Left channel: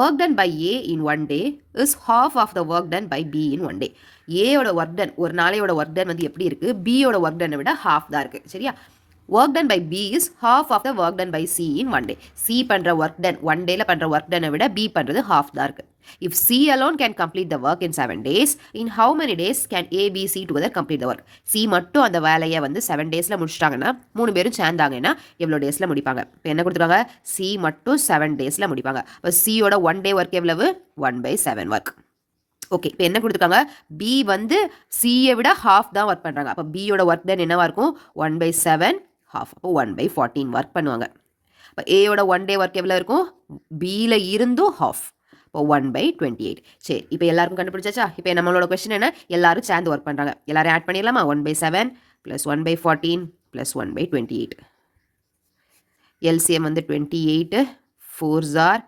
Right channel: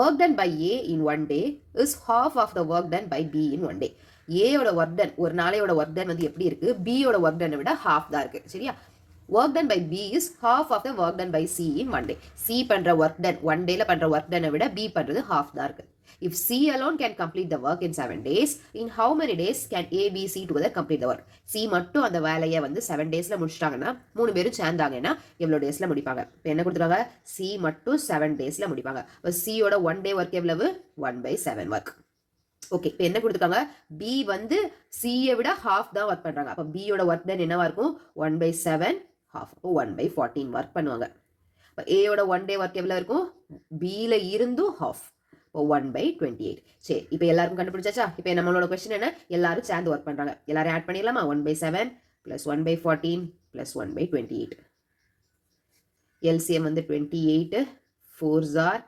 Work done by A in one day is half of the work done by B in one day. ஏயோட work done ஒரு நாளையோட work done வந்து எப்படி இருக்குது, பியோட work டனை விட ஹாஃப் தான் இருக்குது. சரியா? Work done by B is half of the work done by C in one day. C பண்ணுற ஒர்க் டன் ஒன் டேல பண்ணுற ஒர்க் டனை விட பி பண்ணுறது ஹாஃப் தான் இருக்குது. If C alone can complete the work in 7 days, in how many days can A, B, C together complete the work? C மட்டும் அந்த வேலையை வந்து 7 டேஸில் முடிச்சிட்டாங்கன்னா 3 பேரும் சேர்ந்தாங்கன்னா எவ்வளோ டேஸில் முடிப்பாங்க? இப்போ என்ன கொடுத்துருக்காங்க? C மட்டும் 7 டேஸில் முடிப்பாங்க. இப்போ சியோட 1 டே ஒர்க் எவ்வளவு? 1/7 ஒர்க். ஓகே, இப்போ என்ன கொடுத்துருக்காங்க? பி வந்து சியை விட ஹாஃப் தான் ஒர்க் பண்ணுறாங்க. அப்போ பியோட ஒர்க் டன் என்னவா இருக்கும்? 1/7 ஹாஃப். அப்போ 1/14 ஒர்க் பண்ணுவாங்க. இப்போ ஏயோட 1 டே ஒர்க் எவ்வளோ இருக்கும்? பியில் இருந்தும் ஹாஃப். இப்போ 1/28. சரி, இப்போ எல்லாருக்கும் கண்டுபிடிச்சாச்சா? இப்போ நம்மளோட கொஸ்டின் என்ன? எல்லாரும் சேர்ந்து ஒர்க் பண்ணுறாங்க. எல்லாரும் ஆட் பண்ணிடலாமா? 1/7 + 1/14 + 1/28. எல்சிஎம் வந்து 28 4s are